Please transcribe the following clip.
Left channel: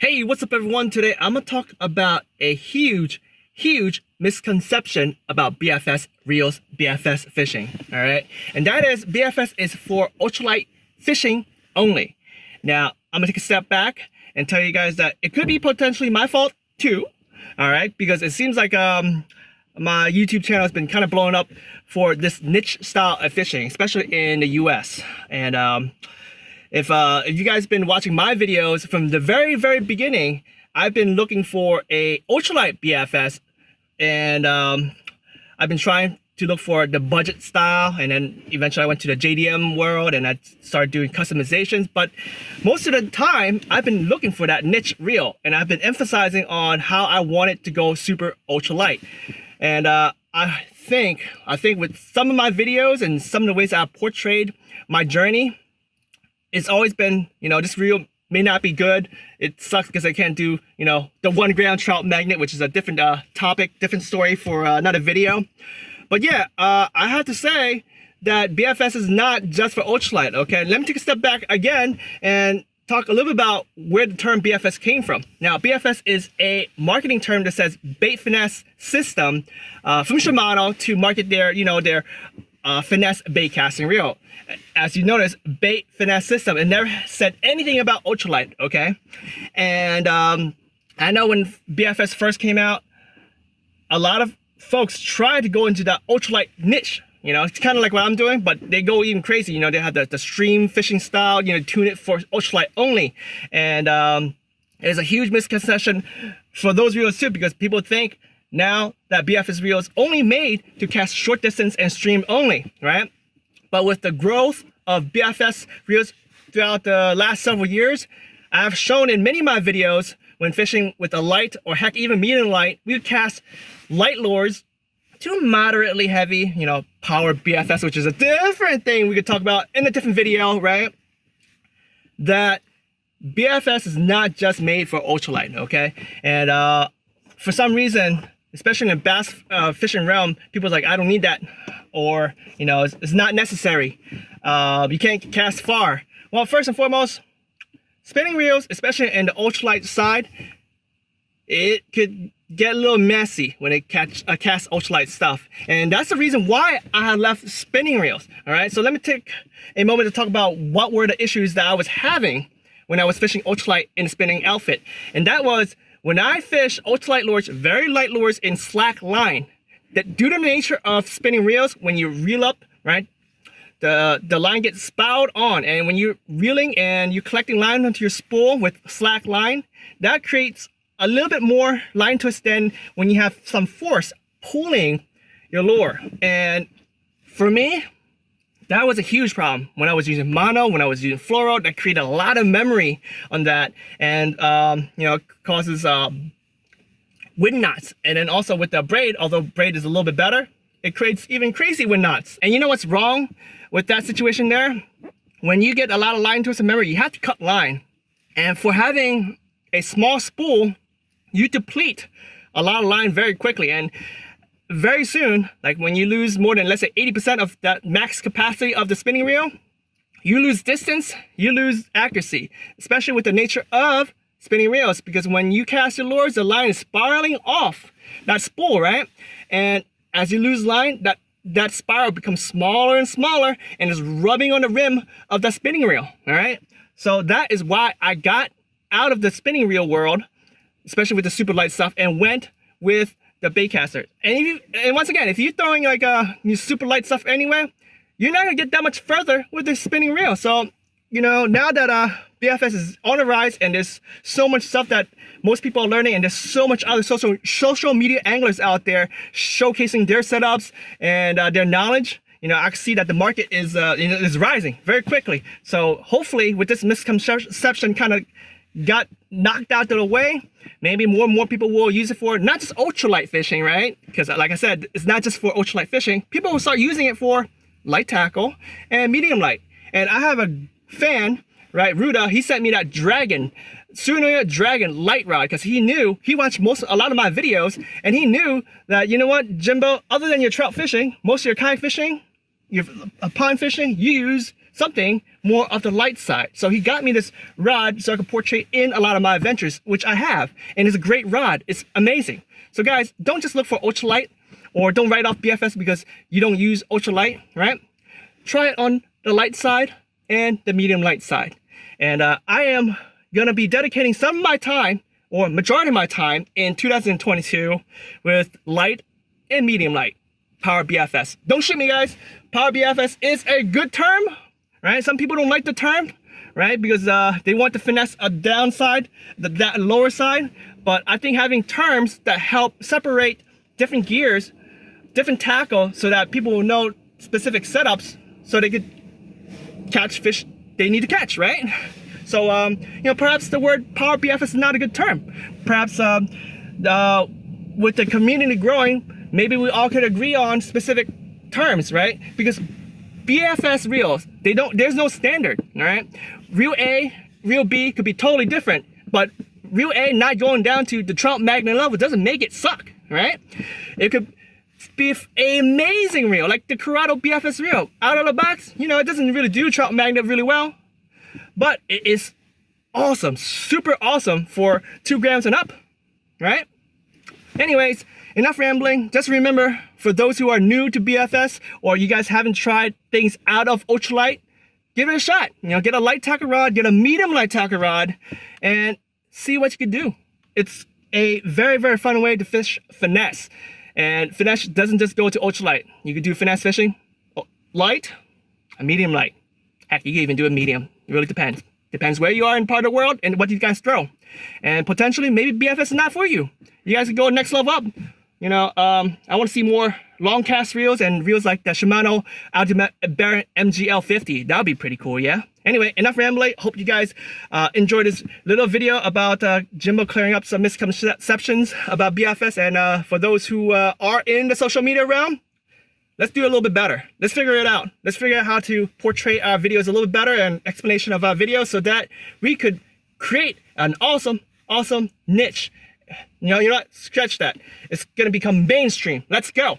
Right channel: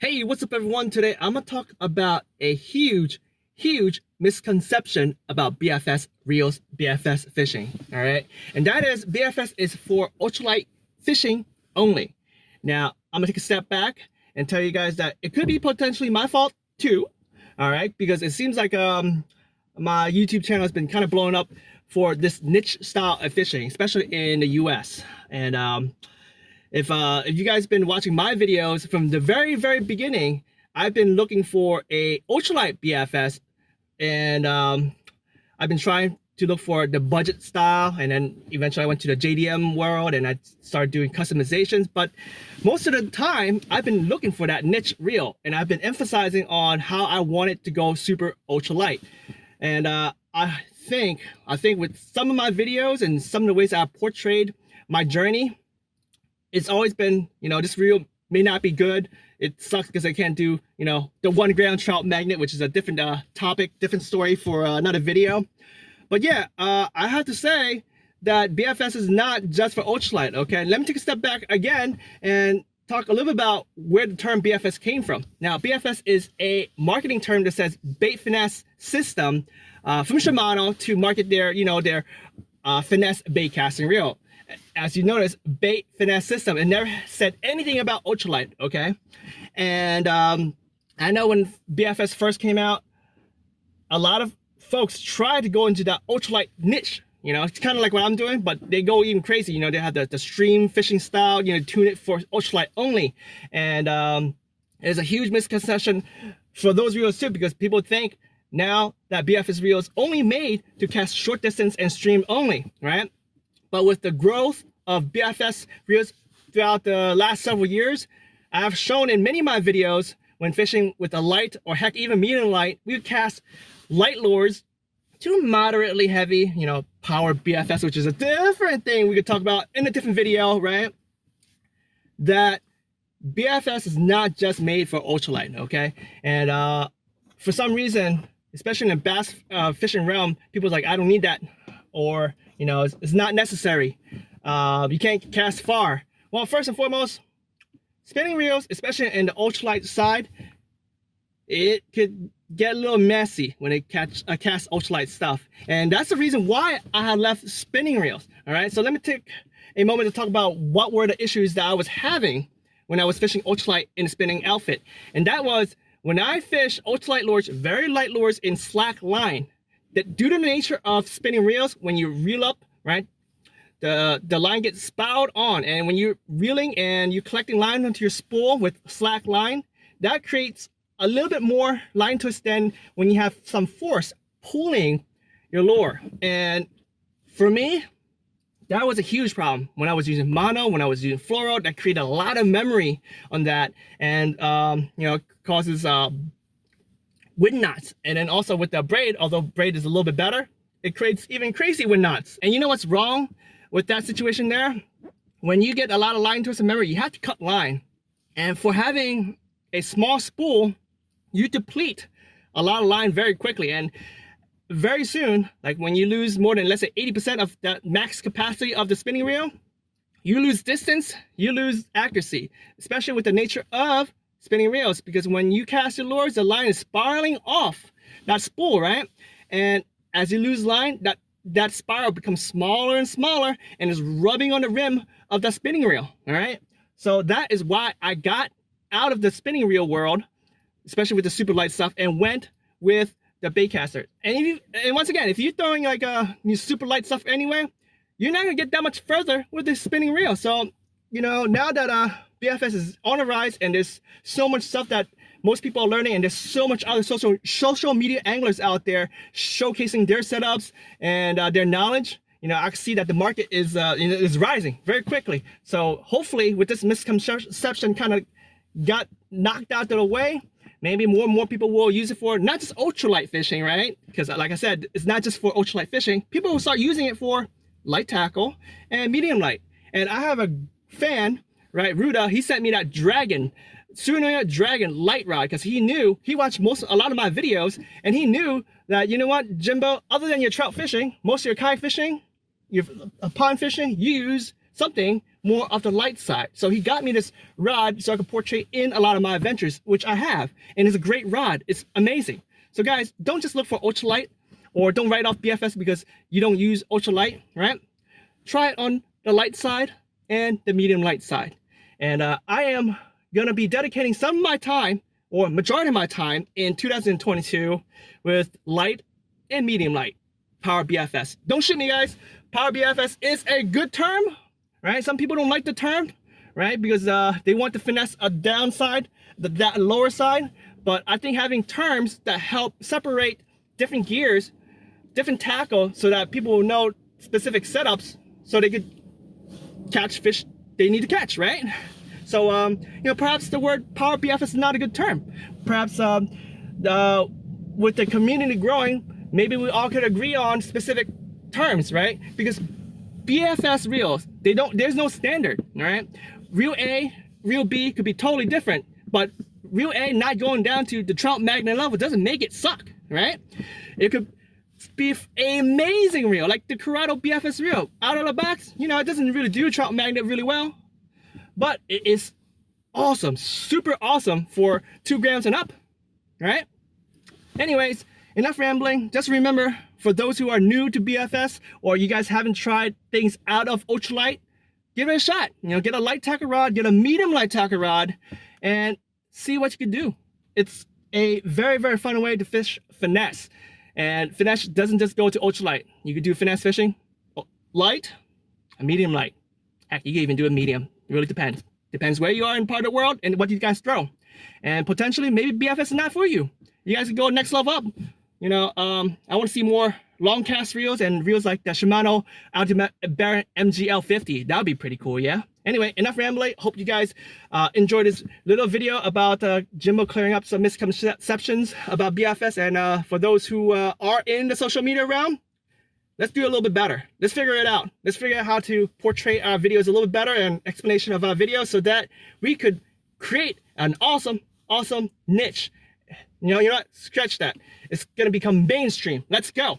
Hey, what's up everyone? Today I'm gonna talk about a huge misconception about BFS reels, BFS fishing. All right, and that is BFS is for ultralight fishing only. Now I'm gonna take a step back and tell you guys that it could be potentially my fault too. All right, because it seems like my YouTube channel has been kind of blowing up for this niche style of fishing, especially in the US. And if you guys been watching my videos from the very beginning, I've been looking for a ultralight BFS, and I've been trying to look for the budget style, and then eventually I went to the JDM world and I started doing customizations. But most of the time I've been looking for that niche reel, and I've been emphasizing on how I want it to go super ultralight. And I think with some of my videos and some of the ways I've portrayed my journey, it's always been, this reel may not be good. It sucks because I can't do, the 1 gram trout magnet, which is a different topic, different story for another video. But yeah, I have to say that BFS is not just for ultralight, okay? Let me take a step back again and talk a little bit about where the term BFS came from. Now, BFS is a marketing term that says bait finesse system from Shimano to market their, their finesse bait casting reel. As you notice, bait finesse system. It never said anything about ultralight, okay? And I know when BFS first came out, a lot of folks tried to go into that ultralight niche. It's kind of like what I'm doing, but they go even crazy. They have the stream fishing style, tune it for ultralight only. And it's a huge misconception for those reels too, because people think now that BFS reel is only made to cast short distance and stream only, right? But with the growth of BFS reels throughout the last several years, I've shown in many of my videos when fishing with a light or heck even medium light, we would cast light lures to moderately heavy, power BFS, which is a different thing we could talk about in a different video, right? That BFS is not just made for ultralight, okay? And for some reason, especially in the bass fishing realm, people's like, I don't need that. Or, it's not necessary. You can't cast far. Well, first and foremost, spinning reels, especially in the ultralight side, it could get a little messy when it casts ultralight stuff. And that's the reason why I have left spinning reels. All right, so let me take a moment to talk about what were the issues that I was having when I was fishing ultralight in a spinning outfit. And that was when I fish ultralight lures, very light lures in slack line, that due to the nature of spinning reels, when you reel up, right, the line gets spiraled on, and when you're reeling and you're collecting line onto your spool with slack line, that creates a little bit more line twist than when you have some force pulling your lure. And for me, that was a huge problem when I was using mono, when I was using fluoro. That created a lot of memory on that, and causes wind knots. And then also with the braid, although braid is a little bit better, it creates even crazy wind knots. And you know what's wrong with that situation there? When you get a lot of line twist and memory, you have to cut line. And for having a small spool, you deplete a lot of line very quickly. And very soon, like when you lose more than, let's say, 80% of the max capacity of the spinning reel, you lose distance, you lose accuracy, especially with the nature of spinning reels, because when you cast your lures, the line is spiraling off that spool, right? And as you lose line, that spiral becomes smaller and smaller and is rubbing on the rim of the spinning reel, all right? So that is why I got out of the spinning reel world, especially with the super light stuff, and went with the baitcaster. And once again, if you're throwing like super light stuff anyway, you're not gonna get that much further with the spinning reel. So, now that BFS is on the rise, and there's so much stuff that most people are learning, and there's so much other social media anglers out there showcasing their setups and their knowledge, I can see that the market is is rising very quickly. So hopefully with this misconception kind of got knocked out of the way, maybe more and more people will use it for not just ultralight fishing, right? Because like I said, it's not just for ultralight fishing. People will start using it for light tackle and medium light. And I have a fan, right, Ruda, he sent me that Dragon light rod, because he watched a lot of my videos, and he knew that, Jimbo, other than your trout fishing, most of your kayak fishing, your pond fishing, you use something more of the light side. So he got me this rod so I could portray in a lot of my adventures, which I have. And it's a great rod. It's amazing. So guys, don't just look for ultralight, or don't write off BFS because you don't use ultralight, right? Try it on the light side and the medium light side. And I am gonna be dedicating some of my time, or majority of my time, in 2022 with light and medium light Power BFS. Don't shoot me, guys. Power BFS is a good term, right? Some people don't like the term, right? Because they want to finesse a downside, that lower side. But I think having terms that help separate different gears, different tackle, so that people will know specific setups, so they could catch fish they need to catch, right? So, you know, perhaps the word Power BFS is not a good term. Perhaps with the community growing, maybe we all could agree on specific terms, right? Because BFS reels, there's no standard, all right? Reel A, reel B could be totally different, but reel A not going down to the trout magnet level doesn't make it suck, right? It could be an amazing reel, like the Corrado BFS reel. Out of the box, you know, it doesn't really do trout magnet really well, but it is awesome, super awesome for 2 grams and up, right? Anyways, enough rambling. Just remember, for those who are new to BFS, or you guys haven't tried things out of ultralight, give it a shot. You know, get a light tackle rod, get a medium light tackle rod, and see what you can do. It's a very, very fun way to fish finesse. And finesse doesn't just go to ultralight. You can do finesse fishing light, a medium light. Heck, you can even do a medium. It really depends. Depends where you are in part of the world and what you guys throw. And potentially, maybe BFS is not for you. You guys can go next level up. You know, I want to see more long cast reels and reels like the Shimano Ultimate Barrett MGL 50. That would be pretty cool, yeah? Anyway, enough rambling. Hope you guys enjoyed this little video about Jimbo clearing up some misconceptions about BFS. And for those who are in the social media realm, let's do a little bit better. Let's figure it out. Let's figure out how to portray our videos a little bit better, and explanation of our videos, so that we could create an awesome, awesome niche. You know what? Scratch that. It's gonna become mainstream. Let's go.